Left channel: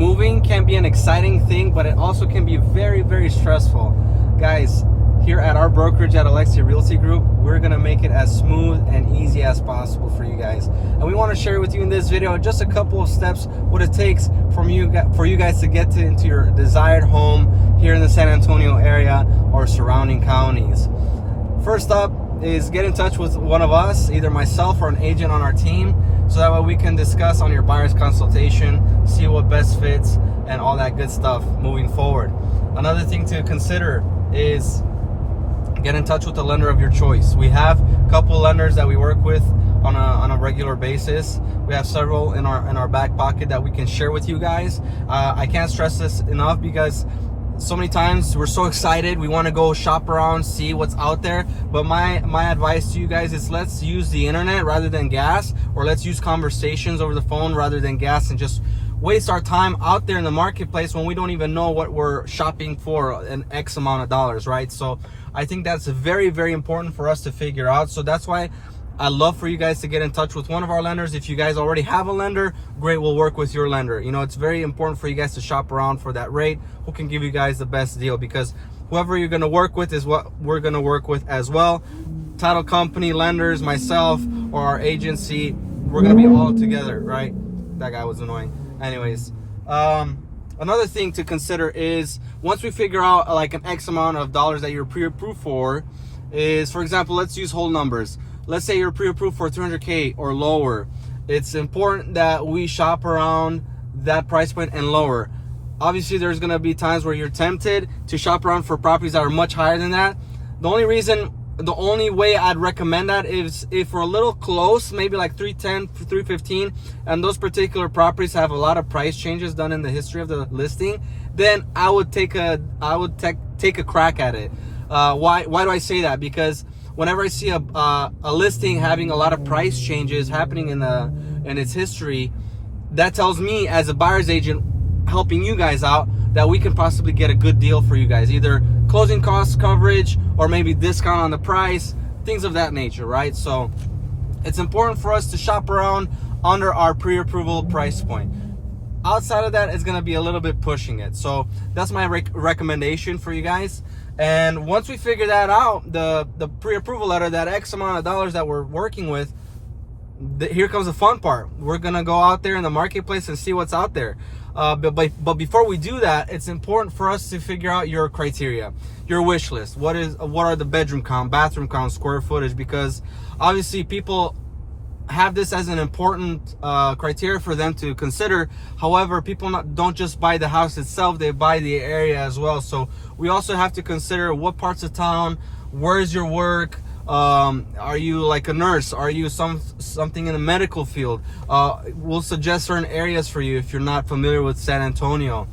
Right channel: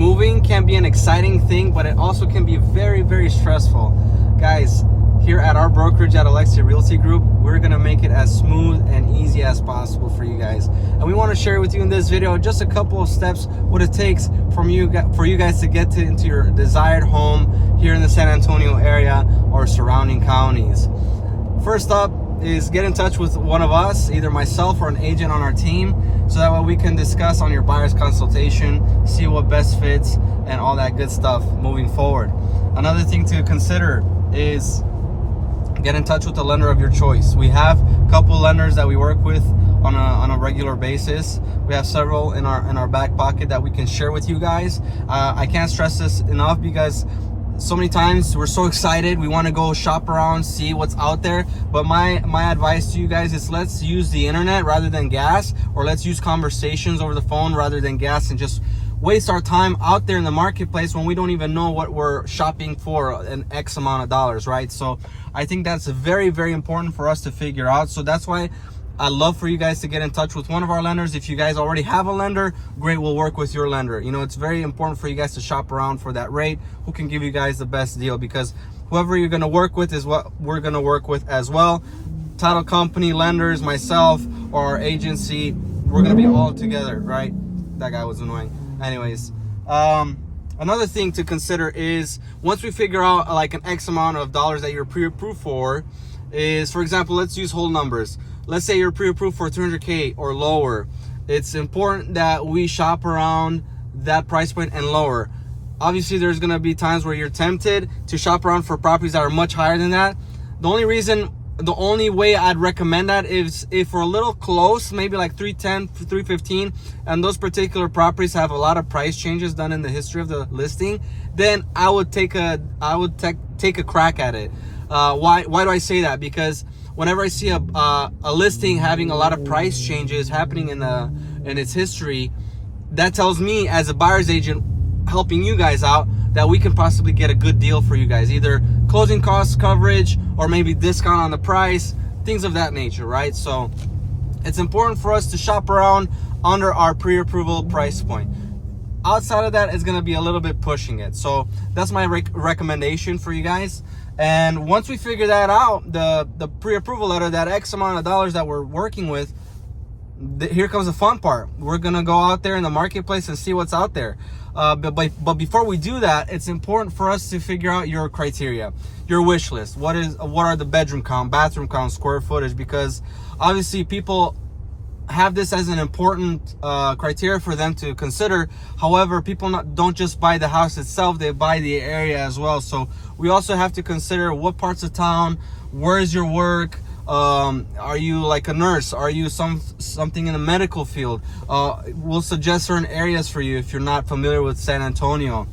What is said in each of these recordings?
moving can be an exciting thing, but it also can be very, very stressful. Guys, here at our brokerage at Alexe Realty Group, we're gonna make it as smooth and easy as possible for you guys. And we wanna share with you in this video just a couple of steps, what it takes for you guys to get into your desired home here in the San Antonio area or surrounding counties. First up is get in touch with one of us, either myself or an agent on our team, so that way we can discuss on your buyer's consultation, see what best fits and all that good stuff moving forward. Another thing to consider is get in touch with the lender of your choice. We have a couple lenders that we work with on a regular basis. We have several in our back pocket that we can share with you guys. I can't stress this enough because so many times we're so excited, we want to go shop around, see what's out there, but my advice to you guys is let's use the internet rather than gas, or let's use conversations over the phone rather than gas, and just waste our time out there in the marketplace when we don't even know what we're shopping for an X amount of dollars, right? So I think that's very, very important for us to figure out. So that's why I love for you guys to get in touch with one of our lenders. If you guys already have a lender, great, we'll work with your lender. You know, it's very important for you guys to shop around for that rate, who can give you guys the best deal, because whoever you're going to work with is what we're going to work with as well. Title company, lenders, myself, or our agency, we're going to be all together, right? That guy was annoying. Anyways, another thing to consider is once we figure out like an X amount of dollars that you're pre-approved for, is, for example, let's use whole numbers. Let's say you're pre-approved for 300K or lower. It's important that we shop around that price point and lower. Obviously, there's going to be times where you're tempted to shop around for properties that are much higher than that. The only way I'd recommend that is if we're a little close, maybe like 310, 315, and those particular properties have a lot of price changes done in the history of the listing, then I would take a crack at it. Why do I say that? Because whenever I see a listing having a lot of price changes happening in its history, that tells me as a buyer's agent helping you guys out that we can possibly get a good deal for you guys, either closing costs coverage or maybe discount on the price, things of that nature, right? So it's important for us to shop around under our pre-approval price point. Outside of that, it's going to be a little bit pushing it. So that's my recommendation for you guys. And once we figure that out, the pre-approval letter, that X amount of dollars that we're working with, here comes the fun part. We're going to go out there in the marketplace and see what's out there. But before we do that, it's important for us to figure out your criteria, your wish list. What are the bedroom count, bathroom count, square footage? Because obviously people have this as an important criteria for them to consider. However, people don't just buy the house itself, they buy the area as well. So we also have to consider what parts of town, where is your work, are you like a nurse, are you something in the medical field. We'll suggest certain areas for you if you're not familiar with San Antonio.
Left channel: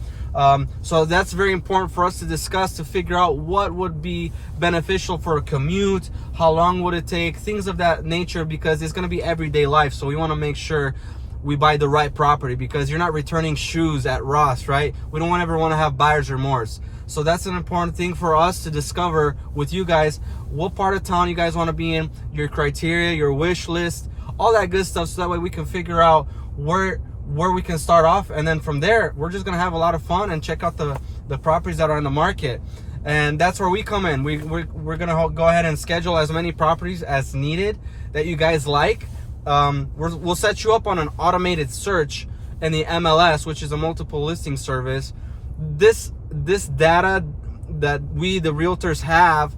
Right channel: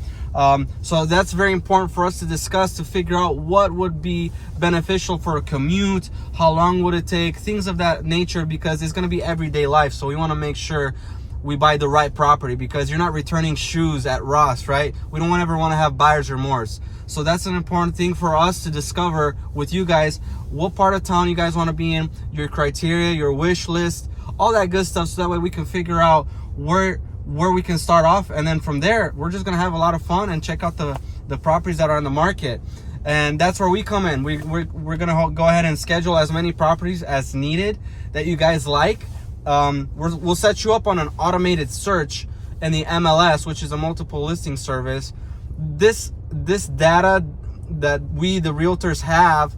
So that's very important for us to discuss, to figure out what would be beneficial for a commute, how long would it take, things of that nature, because it's going to be everyday life. So we want to make sure we buy the right property, because you're not returning shoes at Ross, right? We don't ever want to have buyer's remorse. So that's an important thing for us to discover with you guys, what part of town you guys want to be in, your criteria, your wish list, all that good stuff, so that way we can figure out where we can start off, and then from there we're just gonna have a lot of fun and check out the properties that are in the market. And that's where we come in. We're gonna go ahead and schedule as many properties as needed that you guys like. We'll set you up on an automated search in the MLS, which is a multiple listing service. This data that we, the realtors, have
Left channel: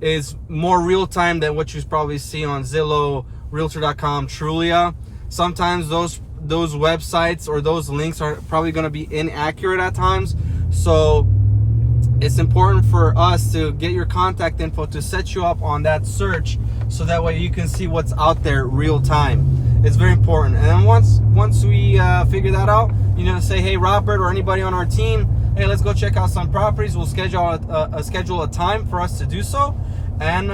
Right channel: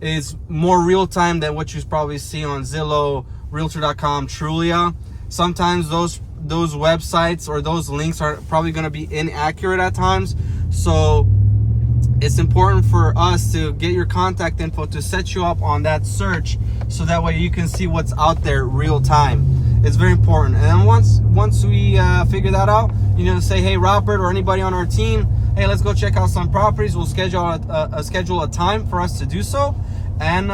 is more real time than what you probably see on Zillow, Realtor.com, Trulia. Sometimes those websites or those links are probably going to be inaccurate at times. So it's important for us to get your contact info to set you up on that search, so that way you can see what's out there real time. It's very important. And then once we figure that out, you know, say, hey, Robert or anybody on our team, hey, let's go check out some properties. We'll schedule a time for us to do so, and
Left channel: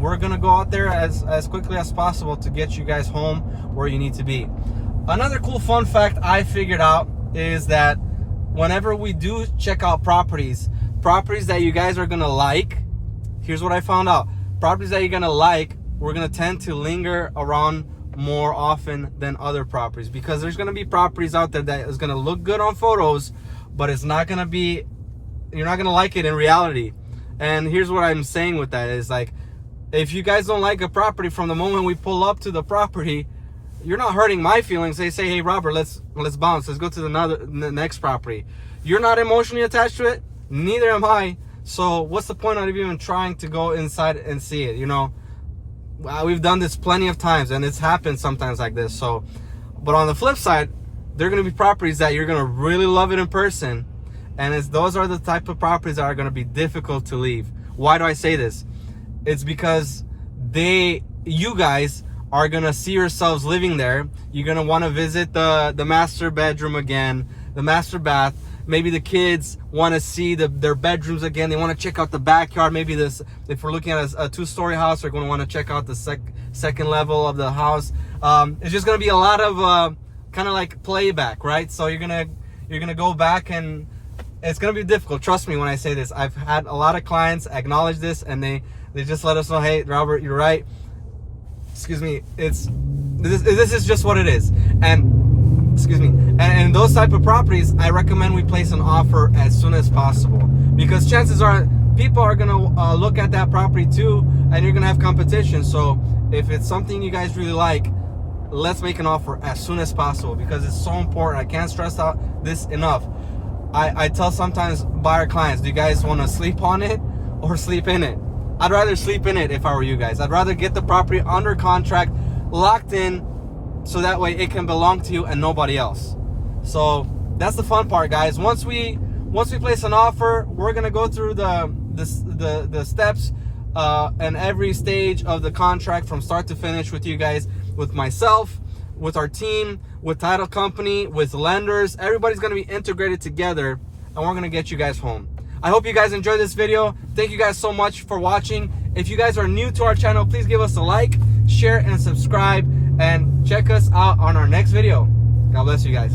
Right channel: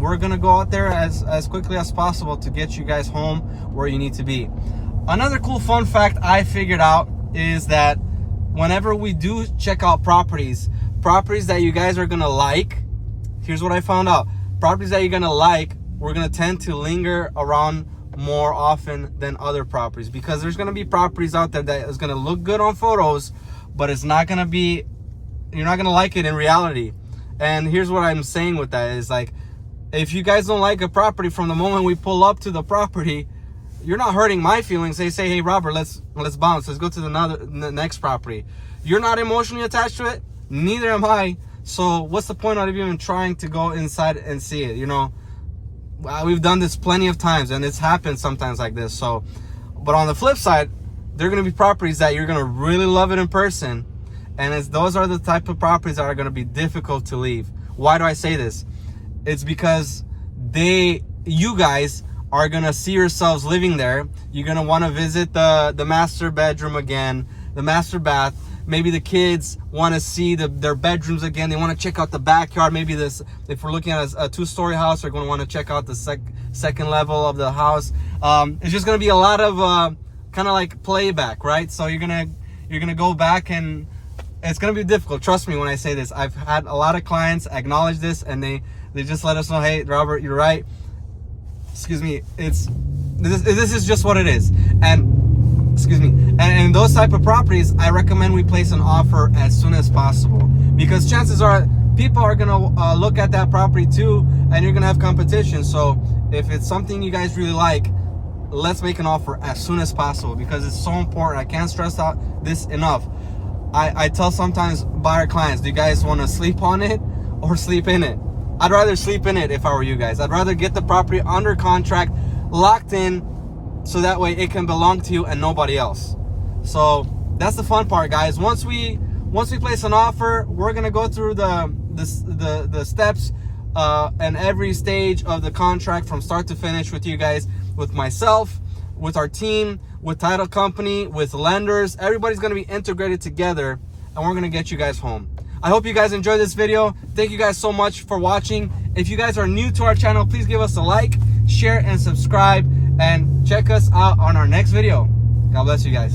we're gonna go out there as quickly as possible to get you guys home where you need to be. Another cool fun fact I figured out is that whenever we do check out properties that you guys are gonna like, here's what I found out. Properties that you're gonna like, we're gonna tend to linger around more often than other properties, because there's going to be properties out there that is going to look good on photos, but it's not going to be, you're not going to like it in reality. And here's what I'm saying with that is, like, if you guys don't like a property from the moment we pull up to the property, you're not hurting my feelings. They say, hey Robert, let's bounce, let's go to the next property. You're not emotionally attached to it, neither am I. So what's the point of even trying to go inside and see it? You know, we've done this plenty of times, and it's happened sometimes like this. So, but on the flip side, there are going to be properties that you're going to really love it in person, and those are the type of properties that are going to be difficult to leave. Why do I say this? It's because you guys are going to see yourselves living there. You're going to want to visit the master bedroom again, the master bath. Maybe the kids want to see their bedrooms again. They want to check out the backyard. Maybe if we're looking at a 2-story house, they're going to want to check out the second level of the house. It's just going to be a lot of kind of like playback, right? So you're gonna go back, and it's going to be difficult. Trust me when I say this. I've had a lot of clients acknowledge this, and they just let us know, hey Robert, you're right. Excuse me. This is just what it is. And excuse me. And those type of properties, I recommend we place an offer as soon as possible, because chances are people are gonna look at that property too, and you're gonna have competition. So if it's something you guys really like, let's make an offer as soon as possible, because it's so important. I can't stress out this enough. I tell sometimes buyer clients, do you guys want to sleep on it or sleep in it? I'd rather sleep in it if I were you guys. I'd rather get the property under contract, locked in, so that way it can belong to you and nobody else. So that's the fun part, guys. Once we place an offer, we're gonna go through the steps and every stage of the contract from start to finish with you guys, with myself, with our team, with title company, with lenders. Everybody's gonna be integrated together, and we're gonna get you guys home. I hope you guys enjoyed this video. Thank you guys so much for watching. If you guys are new to our channel, please give us a like, share, and subscribe, and check us out on our next video. God bless you guys.